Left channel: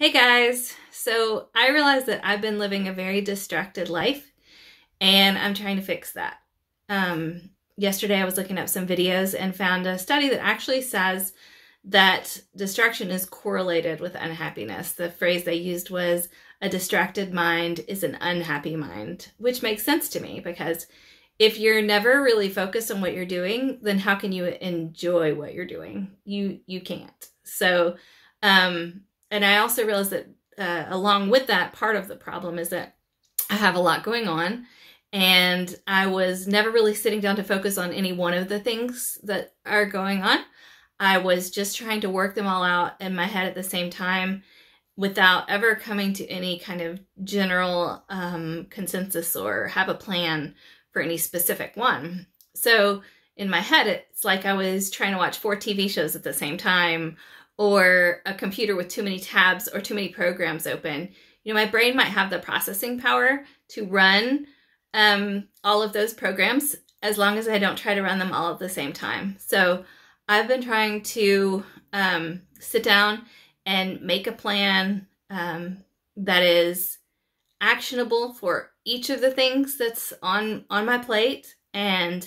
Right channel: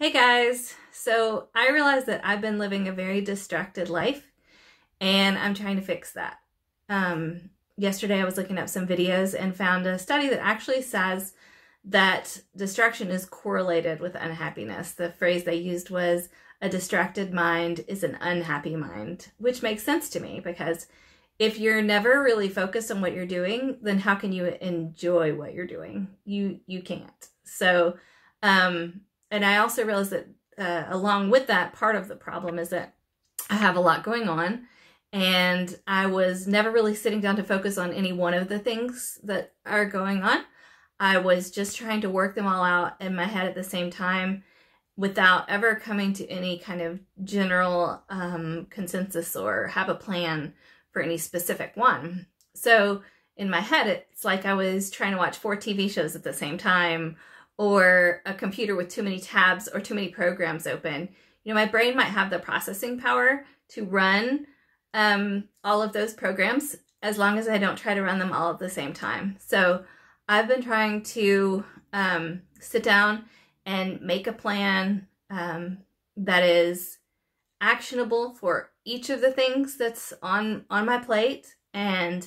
Hey guys, so I realized that I've been living a very distracted life and I'm trying to fix that. Yesterday I was looking up some videos and found a study that actually says that distraction is correlated with unhappiness. The phrase they used was, a distracted mind is an unhappy mind, which makes sense to me because if you're never really focused on what you're doing, then how can you enjoy what you're doing? You can't. So, and I also realized that along with that, part of the problem is that I have a lot going on and I was never really sitting down to focus on any one of the things that are going on. I was just trying to work them all out in my head at the same time without ever coming to any kind of general consensus or have a plan for any specific one. So in my head, it's like I was trying to watch 4 TV shows at the same time, or a computer with too many tabs or too many programs open. You know, my brain might have the processing power to run all of those programs as long as I don't try to run them all at the same time. So I've been trying to sit down and make a plan that is actionable for each of the things that's on my plate, and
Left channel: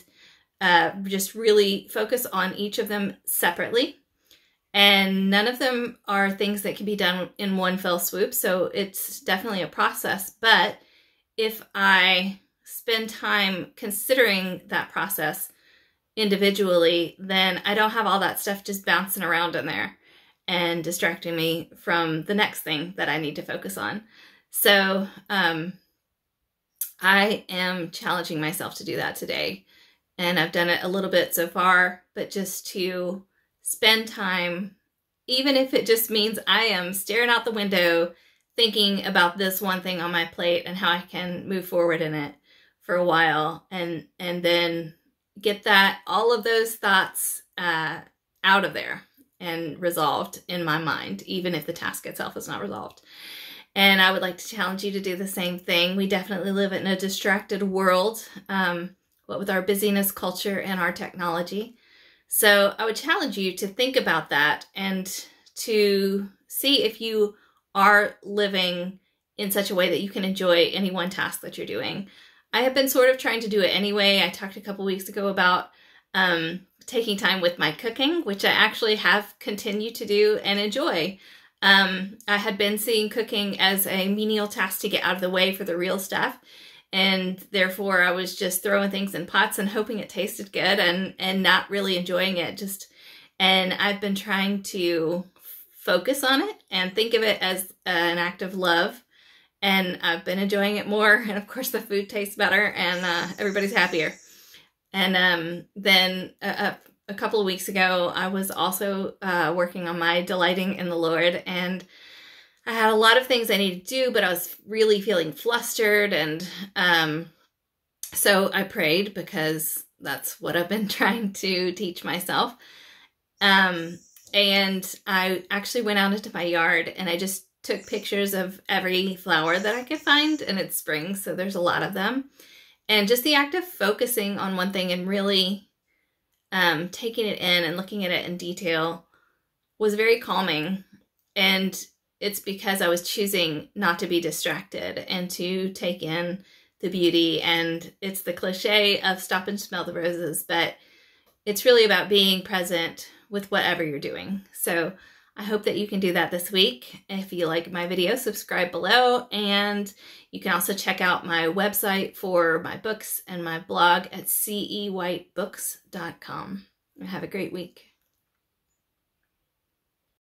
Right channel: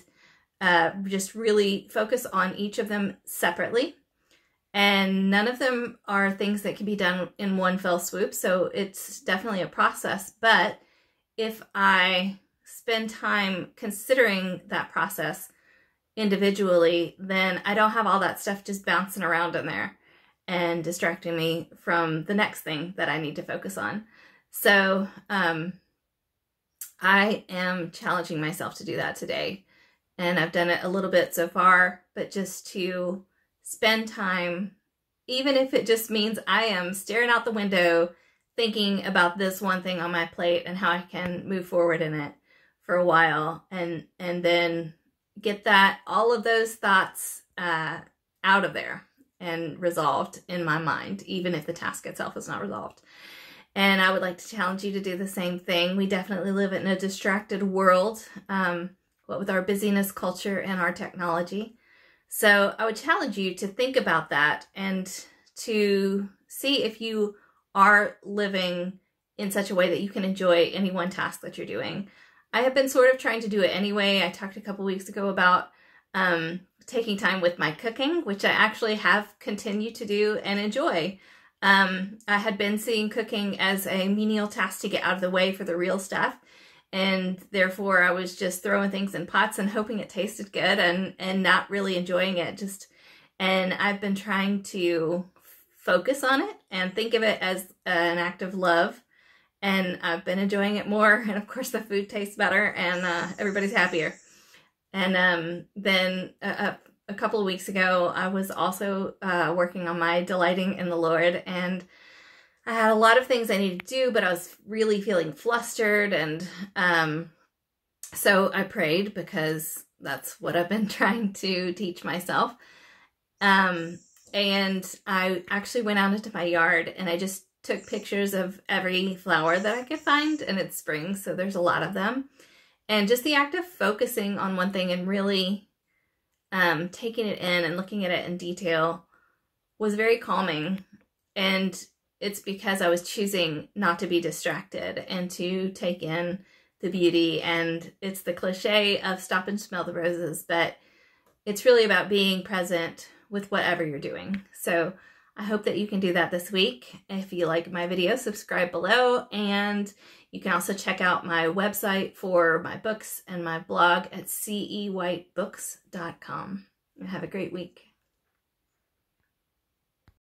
just really focus on each of them separately. And none of them are things that can be done in one fell swoop, so it's definitely a process. But if I spend time considering that process individually, then I don't have all that stuff just bouncing around in there and distracting me from the next thing that I need to focus on. So I am challenging myself to do that today. And I've done it a little bit so far, but just to spend time, even if it just means I am staring out the window thinking about this one thing on my plate and how I can move forward in it for a while, and then get all of those thoughts out of there and resolved in my mind, even if the task itself is not resolved. And I would like to challenge you to do the same thing. We definitely live in a distracted world, what with our busyness culture and our technology. So I would challenge you to think about that and to see if you are living in such a way that you can enjoy any one task that you're doing. I have been sort of trying to do it anyway. I talked a couple weeks ago about taking time with my cooking, which I actually have continued to do and enjoy. I had been seeing cooking as a menial task to get out of the way for the real stuff. And therefore I was just throwing things in pots and hoping it tasted good and not really enjoying it. And I've been trying to focus on it and think of it as an act of love. And I've been enjoying it more. And of course the food tastes better and everybody's happier. And then a couple of weeks ago, I was also working on my delighting in the Lord, and I had a lot of things I needed to do, but I was really feeling flustered, and so I prayed because that's what I've been trying to teach myself. And I actually went out into my yard and I just took pictures of every flower that I could find, and it's spring, so there's a lot of them. And just the act of focusing on one thing and really taking it in and looking at it in detail was very calming. And it's because I was choosing not to be distracted and to take in the beauty. And it's the cliche of stop and smell the roses, but it's really about being present with whatever you're doing. So I hope that you can do that this week. If you like my video, subscribe below, and you can also check out my website for my books and my blog at cewhitebooks.com. And have a great week.